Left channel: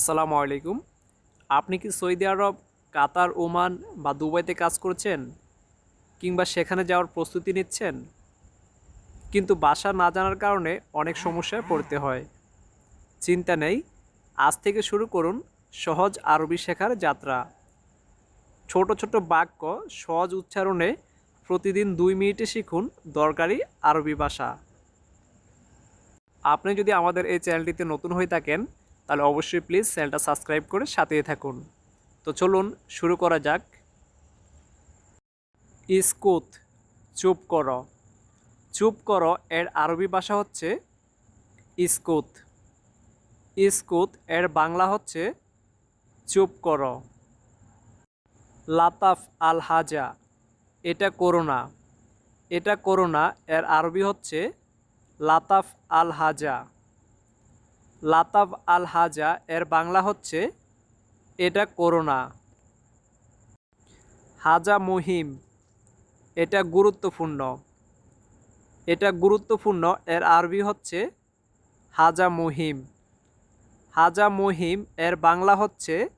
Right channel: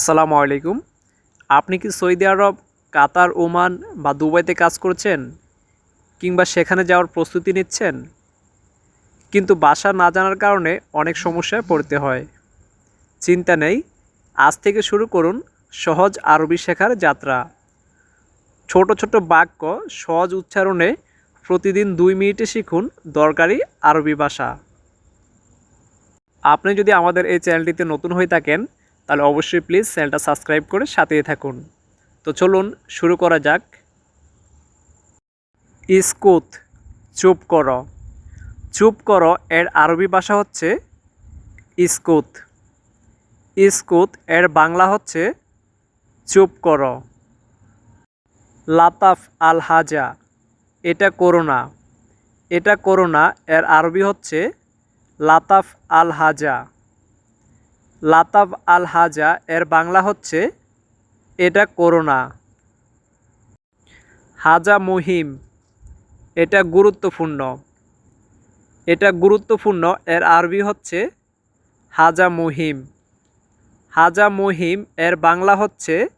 আসসালামু আলাইকুম। আপনি কি সৌদি আরব, কাতার, ওমান বা দুবাইতে কাজ করছেন কিংবা সেখানে যাওয়ার প্রস্তুতি নিচ্ছেন? কিন্তু বাসা না জানার কারণে অনেক সমস্যায় পড়তে হয়। চিন্তা নেই, আজ থেকে শুরু করুন সহজ আরবি শেখার যাত্রা। ছোট ছোট বাক্য সহজ উচ্চারণে প্রতিদিন দুই মিনিটে শিখুন দরকারি আরবি ভাষা। আপনি যদি আমাদের এই চ্যানেলটিতে নতুন হয়ে থাকেন তাহলে অবশ্যই প্লিজ চ্যানেলটা সাবস্ক্রাইব করে সাথেই থাকুন। তো চলুন, শুরু করা যাক। ইস্কুত, চুপ কর। চুপ কর এর আরবি ভাষা হচ্ছে ইস্কুত। ইস্কুত এর বাংলা হচ্ছে চুপ কর। লাতাফ আল হাজা এটা করোনা এটা করোনা এর আরবি হচ্ছে লাতাফ আল হাজা লাতাফ আল হাজা এর বাংলা হচ্ছে, এটা করোনা। হাজা মুহিম, এটা গুরুত্বপূর্ণ। এটা গুরুত্বপূর্ণ, এর আরবি হচ্ছে, হাজা মুহিম। হাজা মুহিম, এর বাংলা হচ্ছে,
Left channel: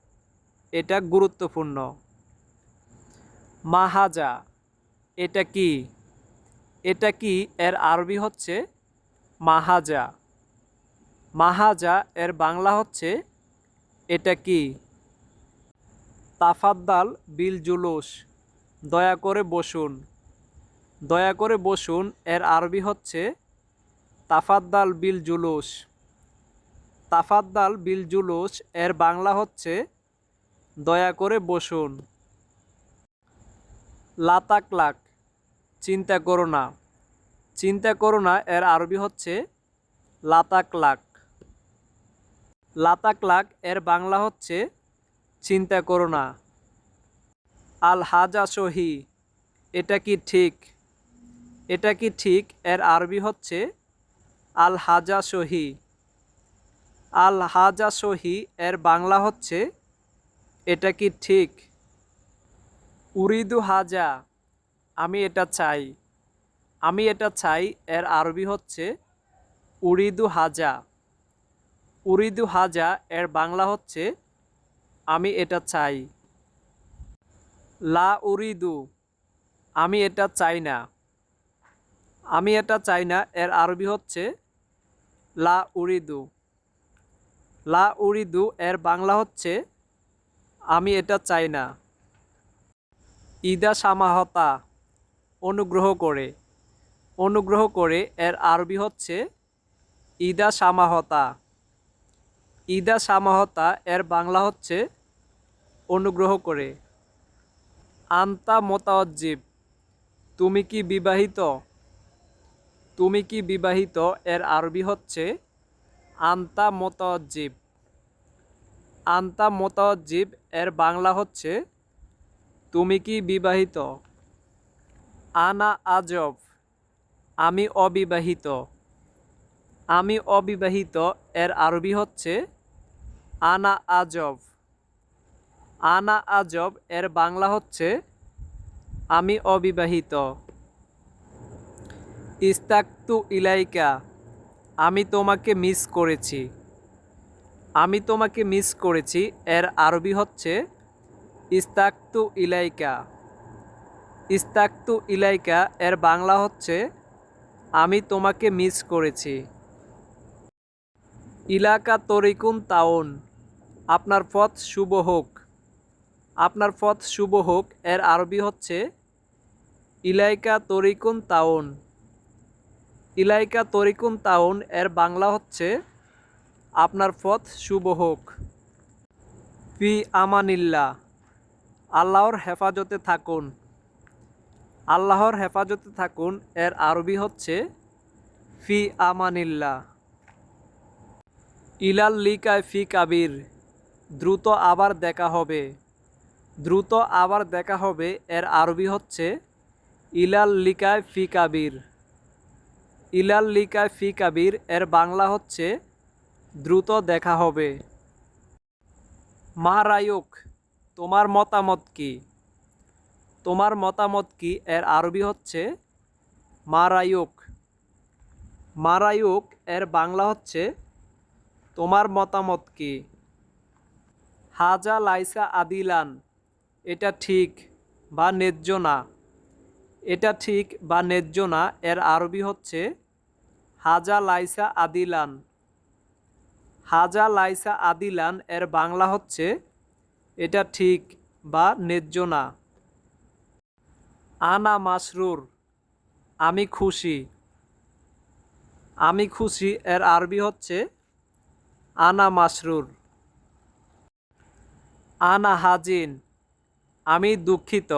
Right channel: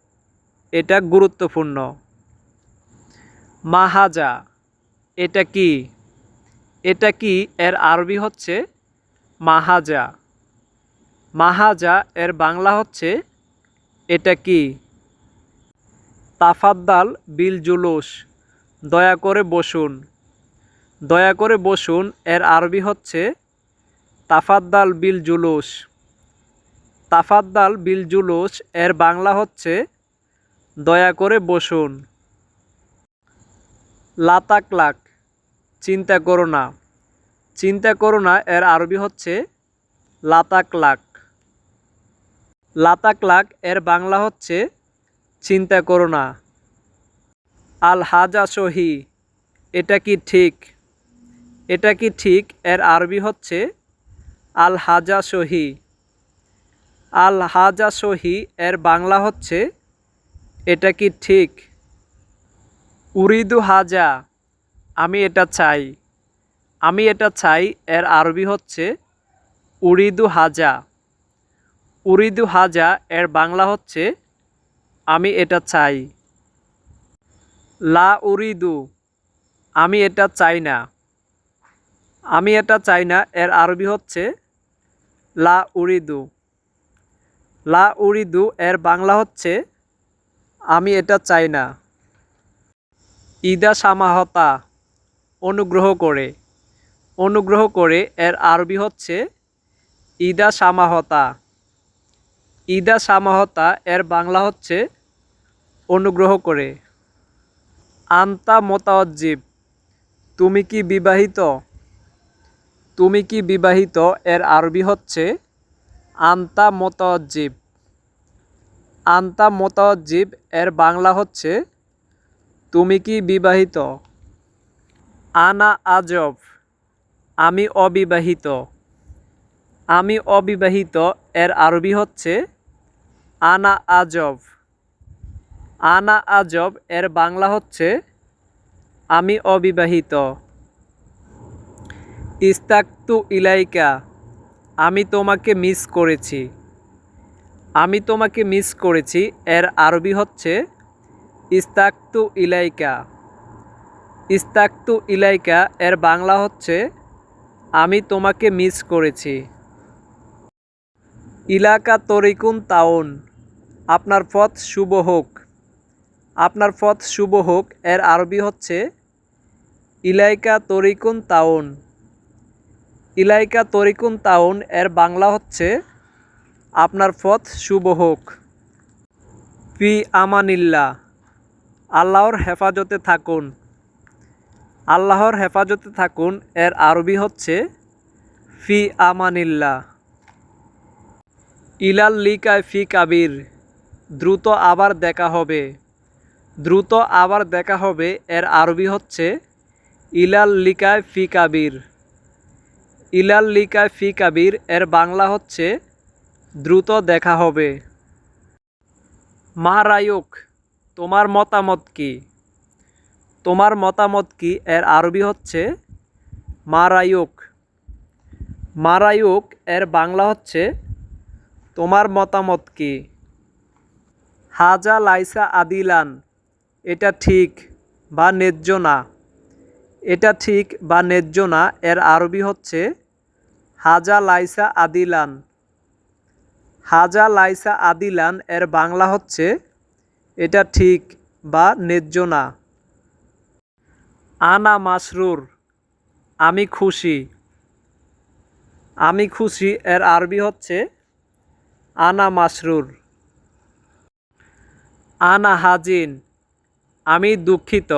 এটা গুরুত্বপূর্ণ। মাহাজা, এটা কি? এটা কি, এর আরবি হচ্ছে, মাহাজা। মাহাজা এর বাংলা হচ্ছে এটা কি? তাফাদ্দাল বিল জুলুস। দয়া করে বসুন। দয়া করে বসুন, এর আরবি হচ্ছে তাফাদ্দাল বিল জুলুস। তাফাদ্দাল বিল জুলুস, এর বাংলা হচ্ছে দয়া করে বসুন। লাতাক লাক চিন্তা করো না। চিন্তা করো না, এর আরবি হচ্ছে লাতাক লাক লাতাক লাক এর বাংলা হচ্ছে, চিন্তা করো না। আল হাজা সহি, এটা কি ঠিক? এটা কি ঠিক? এর আরবি হচ্ছে, আল হাজা সহি। আল হাজা সহি এর বাংলা হচ্ছে, এটা কি ঠিক? উরিদু হাজা, আমি এটা চাই। আমি এটা চাই এর আরবি হচ্ছে, উরিদু হাজা। উরিদু হাজা, এর বাংলা হচ্ছে, আমি এটা চাই। লা উরিদু, আমি এটা চাই না। আমি এটা চাই না, এর আরবি হচ্ছে, লা উরিদু। লা উরিদু, এর বাংলা হচ্ছে, আমি এটা চাই না। ইদা সামাহতা, অনুগ্রহ করে। অনুগ্রহ করে, এর আরবি হচ্ছে, ইদা সামাহতা। ইদা সামাহতা এর বাংলা হচ্ছে অনুগ্রহ করে। আন্তা মোতাজ্জিব তুমি কি বিবাহিত? তুমি কি বিবাহিত? এর আরবি হচ্ছে আন্তা মোতাজ্জিব আন্তা মোতাজ্জিব এর বাংলা হচ্ছে তুমি কি বিবাহিত? আনা আজব। আমি অবিবাহিত। আমি অবিবাহিত এর আরবি হচ্ছে আনা আজব। আনা আজব, এর বাংলা হচ্ছে, আমি অবিবাহিত। ইস্তাক্তু ইলাইকা, আমি তোমাকে মিস করেছি। আমি তোমাকে মিস করেছি। এর আরবি হচ্ছে, ইস্তাক্তু ইলাইকা। ইস্তাক্তু ইলাইকা, এর বাংলা হচ্ছে, আমি তোমাকে মিস করেছি। ইলাকা তরিকুন তাউন। আপনার পথ শুভ হোক। আপনার পথ শুভ হোক, এর আরবি হচ্ছে ইলাইকা তরিকুন তাউন। ইলাইকা তরিকুন তাউন, এর বাংলা হচ্ছে আপনার পথ শুভ হোক। পি আমানিল্লা আল্লাহর হেফাজতে থাকুন। আল্লাহর হেফাজতে থাকুন, এর আরবি হচ্ছে ফি আমানিল্লা ইলাল লিকায় ফি কাবির। দ্রুত আবার দেখা হবে। দ্রুত আবার দেখা হবে, এর আরবি হচ্ছে, ইলাল লিকায় ফি কাবির। ইলাল লিকায় ফি কাবির, এর বাংলা হচ্ছে, দ্রুত দেখা হবে। মা মারায়ুক তোমার মতামত কি? তোমার মতামত কি? এর আরবি হচ্ছে মারায়ুক মারায়ুক এর বাংলা হচ্ছে, তোমার মতামত কি? হাজা লাইসা আদিলান, এটা ঠিক বা ন্যায্য না? এটা ঠিক বা ন্যায্য না? এর আরবি হচ্ছে হাজা লাইসা আদিলান। হাজা লাইসা আদিলান, এর বাংলা হচ্ছে এটা ঠিক বা ন্যায্য না। আনা মাসরুর, আমি খুশি। আমি খুশি, এর আরবি হচ্ছে আনা মাসরুর। আনা হাজিন, আমি দুঃখিত।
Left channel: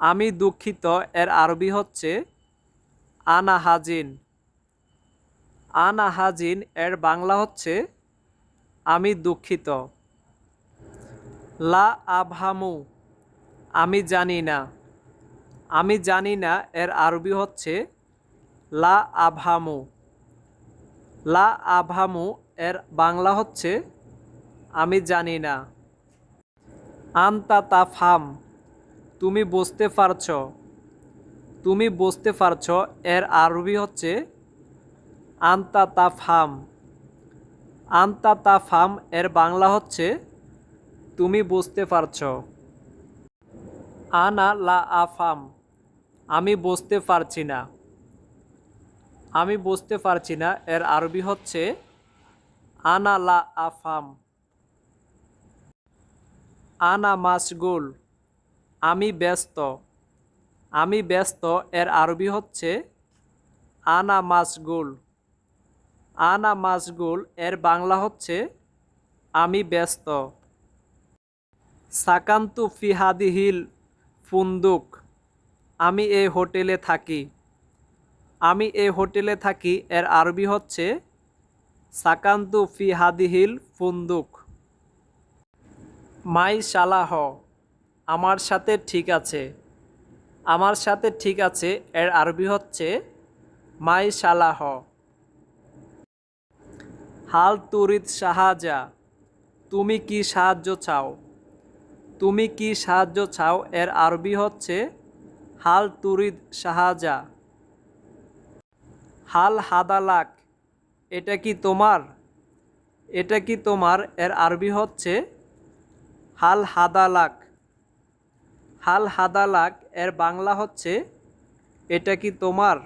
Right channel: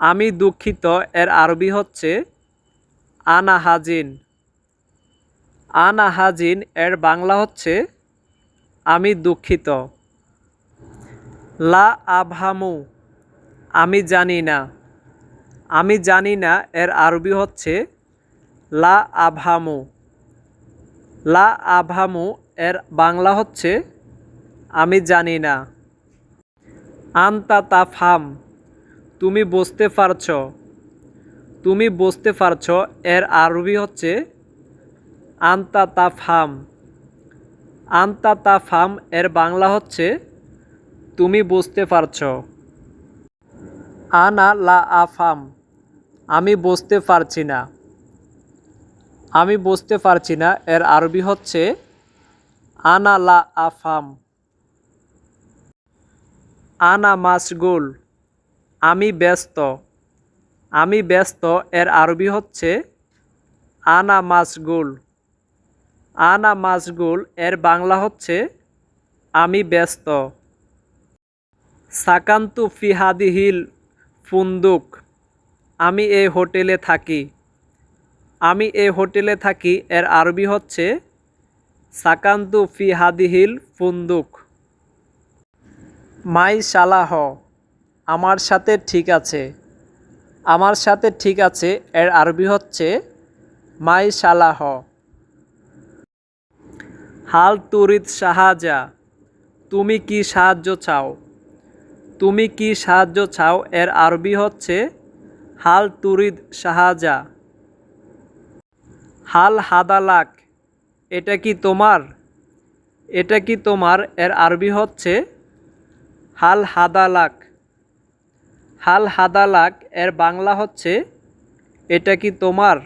আমি দুঃখিত এর আরবি হচ্ছে আনা হাজিন। আনা হাজিন এর বাংলা হচ্ছে আমি দুঃখিত। লা আবহামু, আমি জানি না। আমি জানি না এর আরবি হচ্ছে লা আবহামু। লা আবহামু এর বাংলা হচ্ছে আমি জানি না। আন্তা তাফাম তুমি বসতে পারছ। তুমি বসতে পারছ, এর আরবি হচ্ছে আন্তা তাফাম আন্তা তাফাম এর বাংলা হচ্ছে তুমি বসতে পারছ। আনা লা আফাম আমি বসতে পারছি না। আমি বসতে পারছি না, এর আরবি হচ্ছে আনা লা আফাম আনা মাসগুল আমি ব্যস্ত। আমি ব্যস্ত এর আরবি হচ্ছে আনা মাসগুল আনা মাসগুল এর বাংলা হচ্ছে আমি ব্যস্ত। সাকান্তু ফিহাদিহিল ফুন্দুক। আমি এই হোটেলে থাকি। আমি এই হোটেলে থাকি এর আরবি হচ্ছে সাকান্তু ফিহাদিহিল ফুন্দুক। মাই সালাহ আমার সাথে ঠিক আছে। আমার সাথে ঠিক আছে এর আরবি হচ্ছে মাই সালাহ হাল তুরিদ সাহায্যা তুমি কি সাহায্য চাও? তুমি কি সাহায্য চাও? এর আরবি হচ্ছে হাল তুরিদ সাহায্যা হাল হাদালাক, এটা কি তোমার? এটা কি তোমার? এর আরবি হচ্ছে হাল হাদালাক। হাল হাদালাক এর বাংলা হচ্ছে, এটা কি তোমার?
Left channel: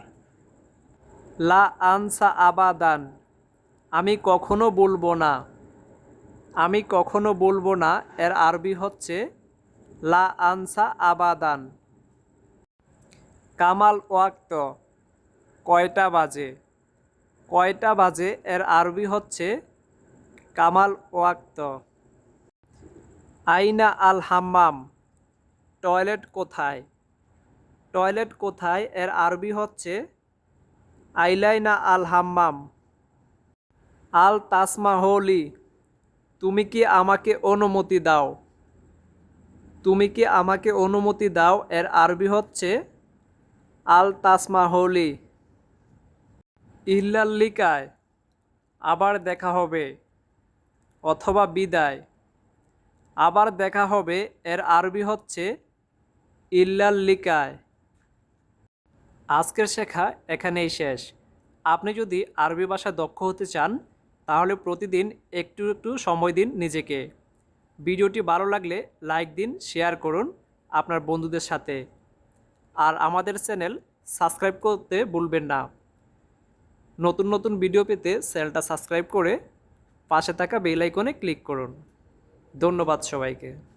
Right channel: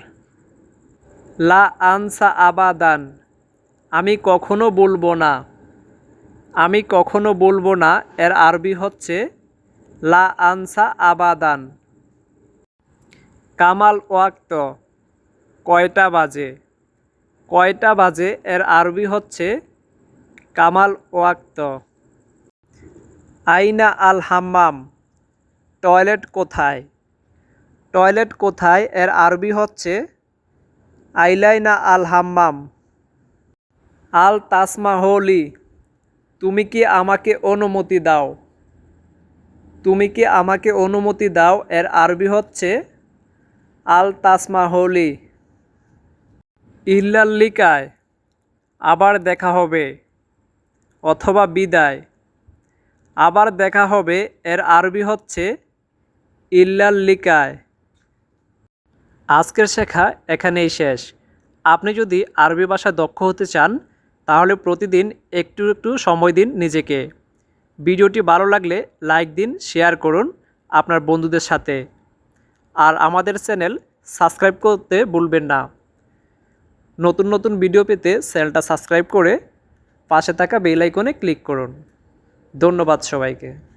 লা আনসা আবাদান। আমি কখনো বলব না। আমি কখনো বলব না। এর আরবি হচ্ছে, লা আনসা আবাদান। কামাল ওয়াক্ত, কয়টা বাজে? কয়টা বাজে? এর আরবি হচ্ছে, কামাল ওয়াক্ত। আইনা আল হাম্মাম, টয়লেট কোথায়? টয়লেট কোথায়? এর আরবি হচ্ছে আইলাইনা আল হাম্মাম। আল তাসমা হোলি তুমি কি আমাকে অনুমতি দাও? তুমি কি আমাকে অনুমতি দাও? এর আরবি হচ্ছে আল তাসমা হোলি ইল্লাল্লিকায়, আবার দেখা হবে, অথবা বিদায়। আবার দেখা হবে, এর আরবি হচ্ছে ইল্লাল্লিকায়। আজকের শেখা এখানেই শেষ। আপনি যদি আরবি ভাষা দক্ষ হতে চান, তাহলে প্রতিদিন একটু একটু সময় দিন নিজেকে। ভিডিওটি ভালো লাগলে লাইক দিন, শেয়ার করুন আপনার বন্ধুদের সাথে। আর আমাদের চ্যানেল সাবস্ক্রাইব করতে ভুলবেন না। নতুন নতুন ভিডিও পেতে চ্যানেলটা সাবস্ক্রাইব করে পাশে থাকা বেল আইকনে ক্লিক করুন। ধন্যবাদ সবাইকে।